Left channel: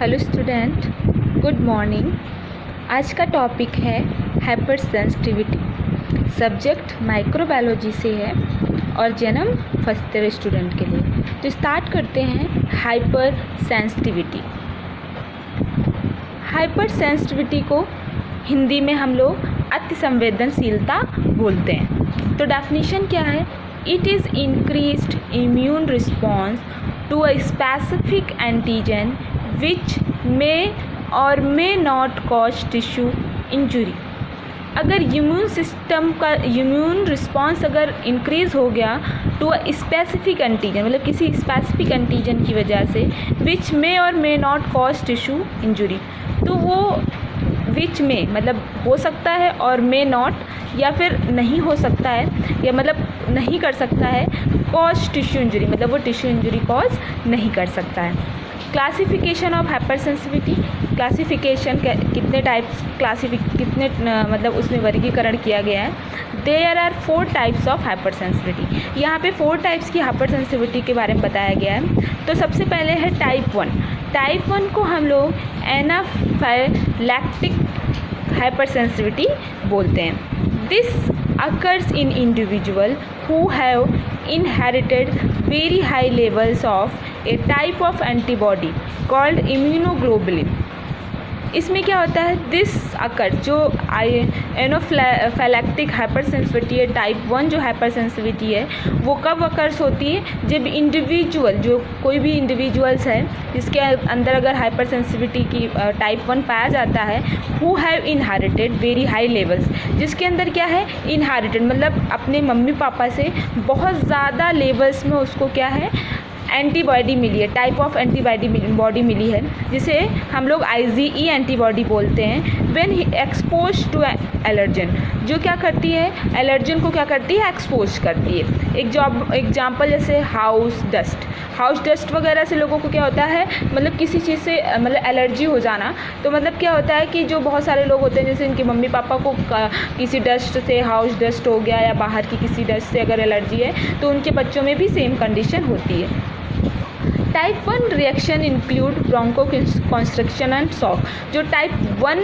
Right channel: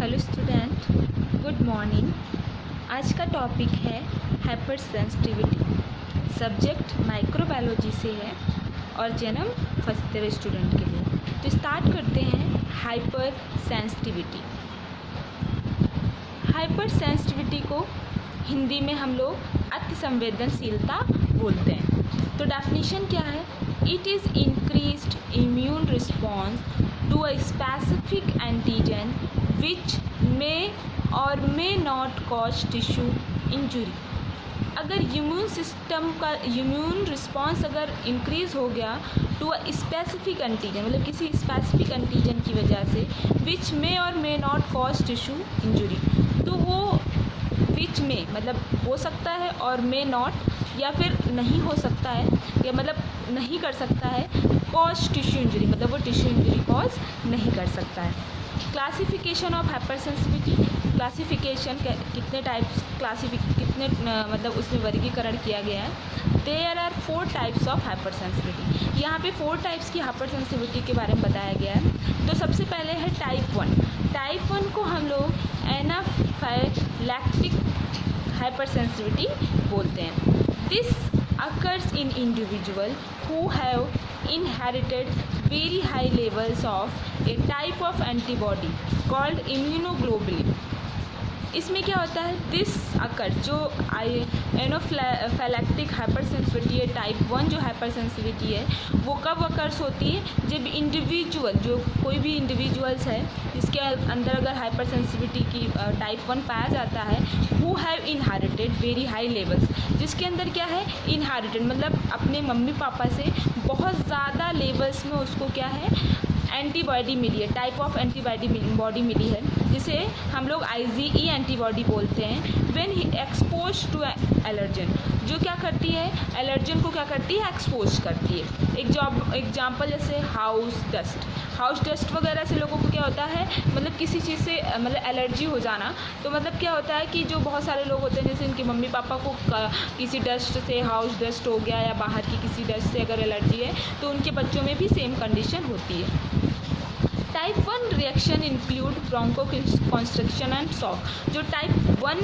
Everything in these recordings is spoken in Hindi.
Hello student, good morning. आज का टॉपिक है हाइपर सेंसिटिविटी। सब्जेक्ट माइक्रोबायोलॉजी से है और जन्म फर्स्ट ईयर स्टूडेंट के लिए। तो स्टार्ट करते हैं हाइपर सेंसिटिविटी। हाइपर सेंसिटिविटी को हिंदी में हम लोग अति संवेदनशीलता बोलते हैं। तो डेफिनेशन क्या है? It is increased immune response to a specific antigen which may or may not cause tissue injury. अगर इम्यून सिस्टम का इम्यून रिस्पॉन्स अगर इंक्रीज़ हो गया टू अ स्पेसिफिक एंटीजन, मतलब किसी स्पेसिफिक एंटीजन की वजह से, विच may or may not cause tissue injury, तो वो विच में मतलब हो सकता है और मे नॉट या फिर नहीं हो सकता है या मतलब नहीं कर सकता है कॉज टिश्यू इंजरी, मतलब वो टिश्यू इंजरी कॉज नहीं कर सकता है। Classification of hyper sensitivity. Classification कितने टाइप्स कितने मतलब उसमें वर्गीकरण किया गया है। There are 4 types of hyper sensitivity. यहाँ पे 4 टाइप्स की हाइपर सेंसिटिविटी के बारे में बताया गया है। तो सबसे पहले है टाइप 1। टाइप 1 को हम लोग एनाफाइलैक्टिक हाइपर सेंसिटिविटी बोलते हैं। This occurs in individual who have inherited very high levels of a type of antibody called immunoglobulin। इसमें क्या होता है? दिस अकर जो एनाफाइलैक्टिक हाइपर सेंसिटिविटी है, टाइप 1 जो हाइपर सेंसिटिविटी है, वो कब अकर्स होती है? जब इंडिविजुअल, जो कोई भी इंडिविजुअल्स है जिसके अंदर अगर हाइपर सेंसिटिविटी की टाइप 1 पाया जाता है, who have inherited very high levels, जिसके अंदर क्या है? इनहेरिटेड मतलब अपने मम्मी पापा से बहुत ज़्यादा लेवल्स में उसको क्या है? एंटीबॉडी मिली है, टाइप ऑफ एंटीबॉडी मिली है, जिसे हम लोग IgE एंटीबॉडी बोलते हैं। व्हेन एक्सपोज टू एलर्जन, जो क्या करती है? एलर्जन को क्या करती है? एक्सपोज करती है। एग्जाम्पल जैसे हाउस डस्ट वगैरह से लोगों को क्या होता है? मतलब किसी चीज़ से मतलब एलर्जी हो जाना। तो मतलब क्या होता है कि जो बहुत सारे लोग होते हैं, जैसे इनके मम्मी पापा को किसी डस्ट से, हाउस डस्ट हो गया या बाहर की किसी डस्ट से अगर एलर्जी है, तो उनके बच्चों में भी सेम कंडीशन होती है। Type 1 reaction include bronchoconstriction and shock. जो टाइप 1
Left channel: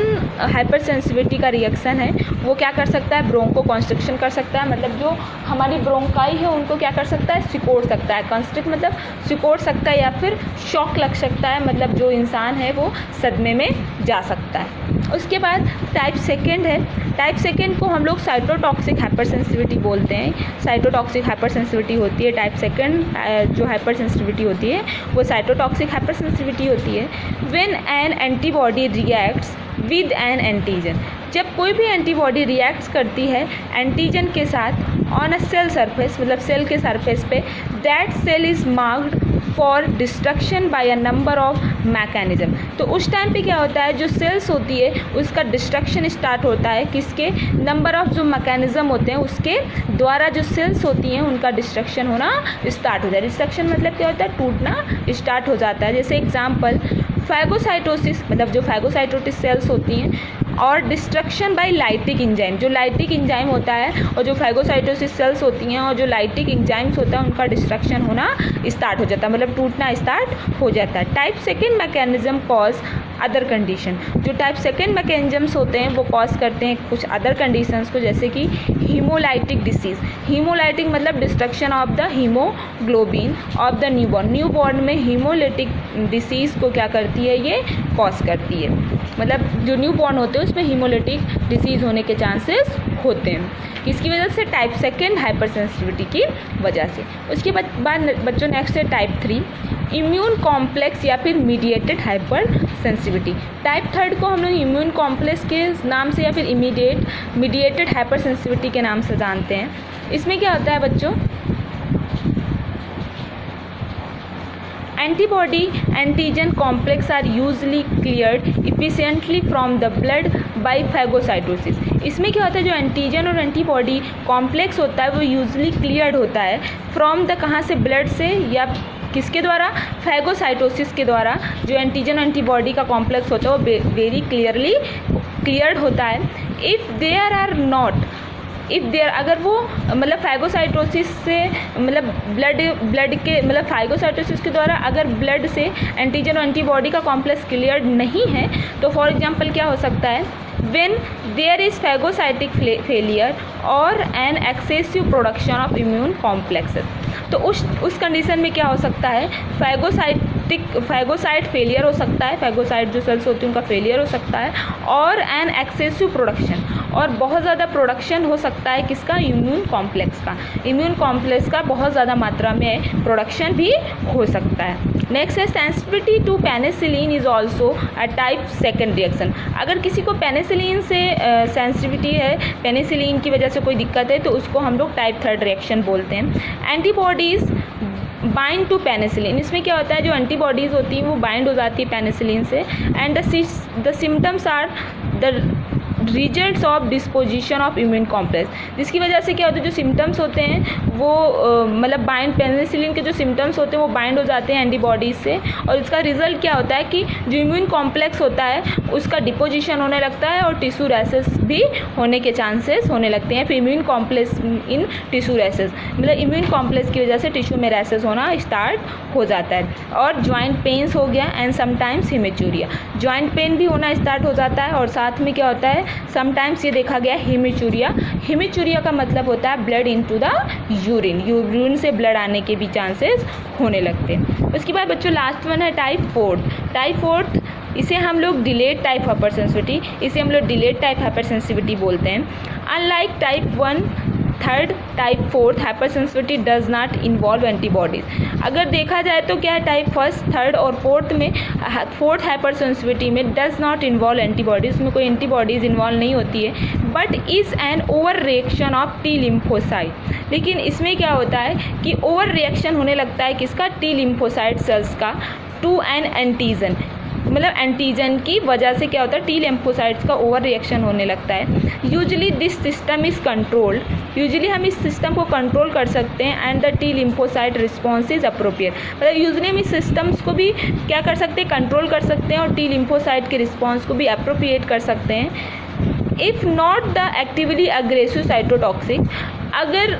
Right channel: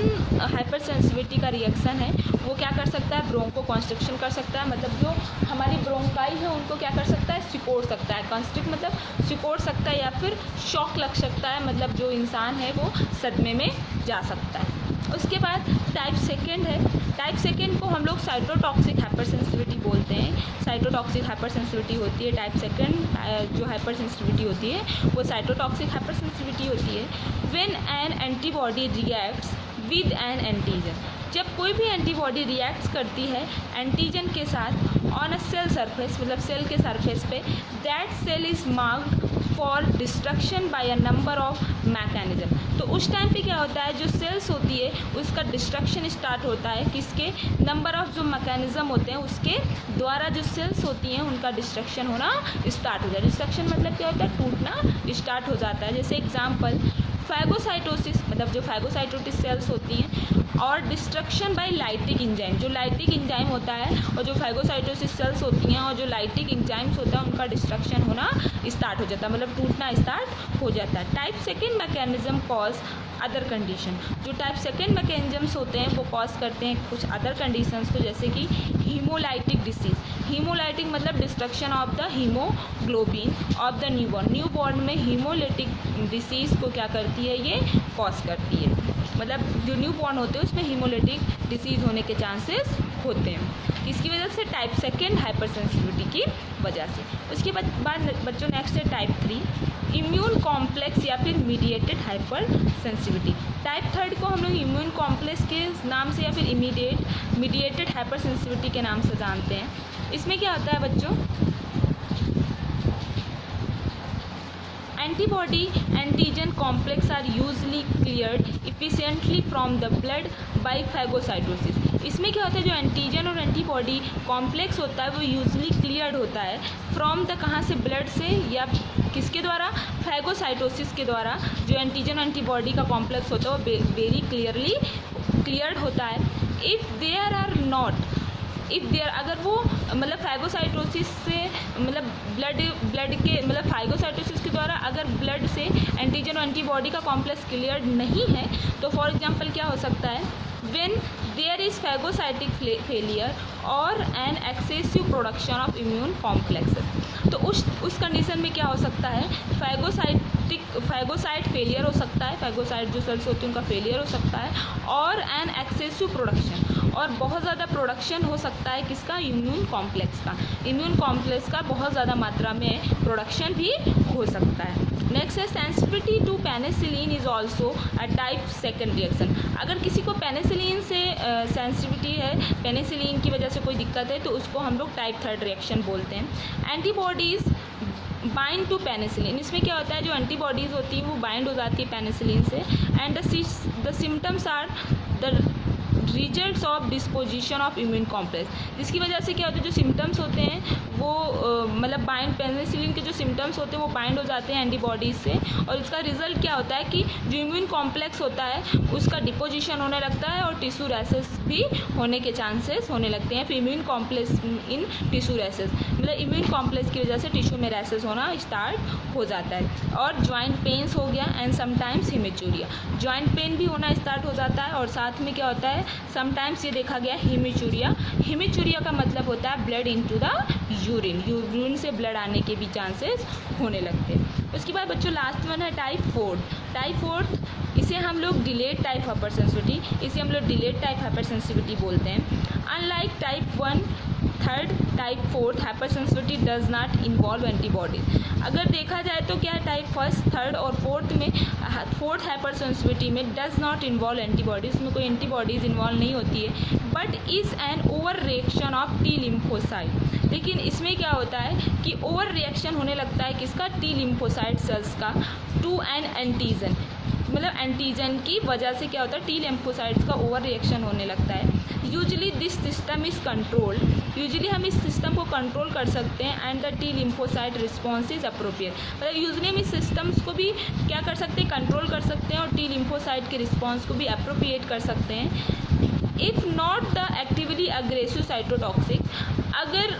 हाइपर सेंसिटिविटी का रिएक्शन है, वो क्या कर सकता है? ब्रोंको कंस्ट्रक्शन कर सकता है, मतलब जो हमारी ब्रोंकाई है उनको क्या कर सकता है? सिकोड़ सकता है। कंस्ट्रिक्ट मतलब सिकोड़ सकता है, या फिर शॉक लग सकता है, मतलब जो इंसान है वो सदमे में जा सकता है। उसके बाद टाइप 2 है। टाइप 2 को हम लोग साइटोटॉक्सिक हाइपर सेंसिटिविटी बोलते हैं। साइटोटॉक्सिक हाइपर सेंसिटिविटी होती है टाइप 2 जो हाइपर सेंसिटिविटी होती है वो साइटोटॉक्सिक हाइपर सेंसिटिविटी होती है। When an antibody reacts with N antigen, जब कोई भी एंटीबॉडी रिएक्ट्स करती है एंटीजन के साथ ऑन अ सेल सरफेस, मतलब सेल के सरफेस पे, that cell is marked for destruction by a number of mechanism. तो उस टाइम पे क्या होता है? जो सेल्स होती है उसका डिस्ट्रक्शन स्टार्ट होता है, किसके? नंबर ऑफ जो मैकेनिज्म होते हैं उसके द्वारा जो सेल्स होती हैं उनका डिस्ट्रक्शन होना स्टार्ट हो जाए। डिस्ट्रक्शन मतलब क्या होता है? टूटना स्टार्ट हो जाता है। जैसे एग्जाम्पल फैगोसाइटोसिस, मतलब जो फैगोसाइटोसिस सेल्स होती हैं, और डिस्ट्रक्शन बाय लाइटिक इंजाइम, जो लाइटिक इंजाइम होता है और जो फैगोसाइटोसिस सेल्स होती हैं और जो लाइटिक इंजाइम्स होता है उनका डिस्ट्रक्शन होना स्टार्ट हो जाता है, मतलब टूटना स्टार्ट हो जाता है। Type 2 mechanism cause other condition. जो टाइप 2 मैकेनिज्म्स होते हैं वो कॉज करते हैं कुछ अदर कंडीशंस को, जैसे कि हीमोलाइटिक डिसीज़। हीमोलाइटिक मतलब destruction of the haemoglobin of the newborn. Newborn में हीमोलाइटिक डिसीज़ को क्या करती है? ये कॉज करती है, मतलब जो न्यूबॉर्न होते हैं उसमें हीमोलाइटिक डिसीज़ होने के चांसेस होते हैं। किसकी वजह से? टाइप 2 हाइपर सेंसिटिविटी की वजह से। उसके बाद बच्चों नेक्स्ट है टाइप 3, इम्यून कॉम्प्लेक्स या फिर मीडिएटेड हाइपर सेंसिटिविटी। टाइप 3 को हम लोग इम्यून कॉम्प्लेक्स के नाम से या फिर मीडिएटेड हाइपर सेंसिटिविटी के नाम से जानते हैं। इसमें क्या होता है बच्चों? Antibody antigen complex are usually cleared efficiently from the blood by phagocytosis. इसमें क्या होता है? जो एंटीजन और एंटीबॉडी कॉम्प्लेक्स होता है वो यूजली क्लियर्ड होता है फ्रॉम द, कहाँ से? ब्लड से, या किसके द्वारा? फैगोसाइटोसिस के द्वारा। जो एंटीजन एंटीबॉडी का कॉम्प्लेक्स होता है वो वेरी क्लियर्ड होता है। If there are not if there अगर वो मतलब फाइगोसाइटोसिस से मतलब ब्लड के मतलब फाइगोसाइटोसिस के द्वारा अगर ब्लड से एंटीजन और एंटीबॉडी का कॉम्प्लेक्स क्लियर नहीं है तो फॉर एग्जांपल क्या हो सकता है, when there is phagocytic failure or an excessive production of immune complexes, तो उस कंडीशन में क्या हो सकता है, फैगोसाइट फेलियर हो सकता है, फैगोसाइट जो सेल्स होती हैं उनका फेलियर हो सकता है, और एन एक्सेसिव प्रोडक्शन, और बहुत ज़्यादा प्रोडक्शन हो सकता है किसका, इम्यून कॉम्प्लेक्स का, इम्यून कॉम्प्लेक्स का बहुत ज़्यादा मात्रा में प्रोडक्शन भी हो सकता है। नेक्स्ट है sensitivity to penicillin is also a type second reaction. अगर किसी को पेनिसिलिन से सेंसिटिविटी है, पेनिसिलिन की वजह से कोई दिक्कत है, तो उसको हम लोग टाइप थर्ड रिएक्शन बोलते हैं। एंटीबॉडीज़ बाइंड टू पेनिसिलिन, इसमें क्या होता है, जो एंटीबॉडीज़ होती हैं वो बाइंड हो जाती है पेनिसिलिन से, and the symptoms are the results of disposition of immune complex, जिसकी वजह से क्या होता है, जो सिम्टम्स होते हैं वो मतलब बाइंड पेनिसिलिन के जो सिम्टम्स होते हैं वो बाइंड हो जाते हैं एंटीबॉडीज़ से, और इसका रिजल्ट क्या होता है कि जो इम्यून कॉम्प्लेक्स होता है उसका डिपोजिशन होने लगता है और टिश्यू रैसेस भी होने के चांसेस होने लगते हैं। फिर immune complex in tissue rashes, मतलब इम्यून कॉम्प्लेक्स की वजह से टिश्यू में रैसेस होना स्टार्ट हो जाता है। और जॉइंट पेन्स हो गया and sometimes haematuria, joint pain भी होना स्टार्ट हो जाता है, और साथ में क्या होता है, समटाइम्स ये देखा गया हिमेचूरिया, हिमेचूरिया का मतलब होता है blood into the urine, urine से ब्लड आने के भी चांसेस होने लगते हैं। उसके बाद बच्चों लास्ट वन है टाइप फोर्थ, इसे हम लोग डिलेड टाइप हाइपर सेंसिटिविटी, इसे हम लोग डिलेड टाइप हाइपर सेंसिटिविटी बोलते हैं। Unlike type 1, third, type 4 hyper sensitivity does not involve antibodies. अगर देखा जाए तो क्या है, टाइप फर्स्ट, थर्ड और फोर्थ हाइपर सेंसिटिविटी में डज नॉट इन्वॉल्व एंटीबॉडीज़, में कोई एंटीबॉडीज़ इन्वॉल्व नहीं होती है, but is an over reaction of T lymphocyte. लेकिन इसमें क्या होता है कि ओवर रिएक्शन होने लगता है किसका, टी लिम्फोसाइट सेल्स का टू एन एंटीजन, मतलब एंटीजन की वजह से क्या होता है, टी लिम्फोसाइट्स का ओवर रिएक्शन होने लगता है। Usually this system is controlled, usually हम इस सिस्टम को कंट्रोल कर सकते हैं, and the T lymphocyte response is appropriate, मतलब यूजुअली हम इस सिस्टम्स को भी क्या कर सकते हैं, कंट्रोल कर सकते हैं, और टी लिम्फोसाइट के रिस्पॉन्स को भी अप्रोप्रिएट कर सकते हैं। If not the actively aggressive cytotoxic, अगर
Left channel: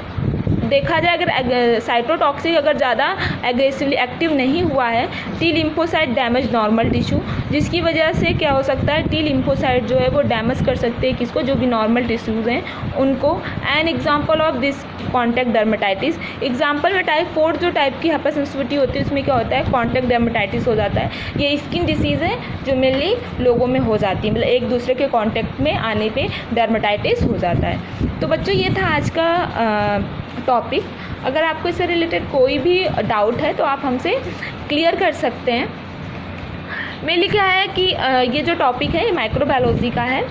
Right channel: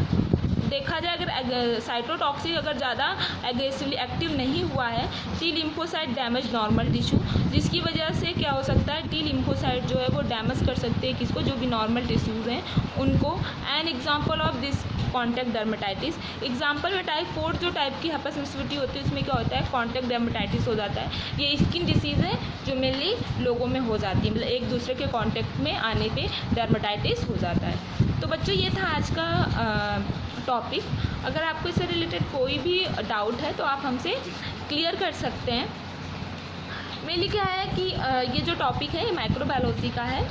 देखा जाए अगर साइटोटॉक्सिक अगर ज़्यादा एग्रेसिवली एक्टिव नहीं हुआ है, T lymphocyte damage normal tissue, जिसकी वजह से क्या हो सकता है, टी लिम्फोसाइट जो है वो डैमेज कर सकते हैं किसको, जो भी नॉर्मल टिश्यूज़ हैं उनको। An example of this contact dermatitis, example में टाइप 4 जो टाइप की हाइपर सेंसिटिविटी होती है उसमें क्या होता है, कॉन्टैक्ट डर्मेटाइटिस हो जाता है। ये स्किन डिसीज़ है जो मेनली लोगों में हो जाती है, मतलब एक दूसरे के कॉन्टैक्ट में आने पे डर्मेटाइटिस हो जाता है। तो बच्चों ये था आज का टॉपिक। अगर आपको इससे रिलेटेड कोई भी डाउट है तो आप हमसे क्लियर कर सकते हैं। मेनली क्या है कि ये जो टॉपिक है ये माइक्रोबायोलॉजी का है,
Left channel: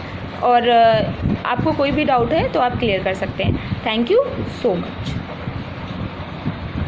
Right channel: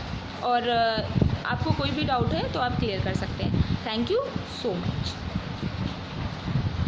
और आपको कोई भी डाउट है तो आप क्लियर कर सकते हैं। Thank you so much.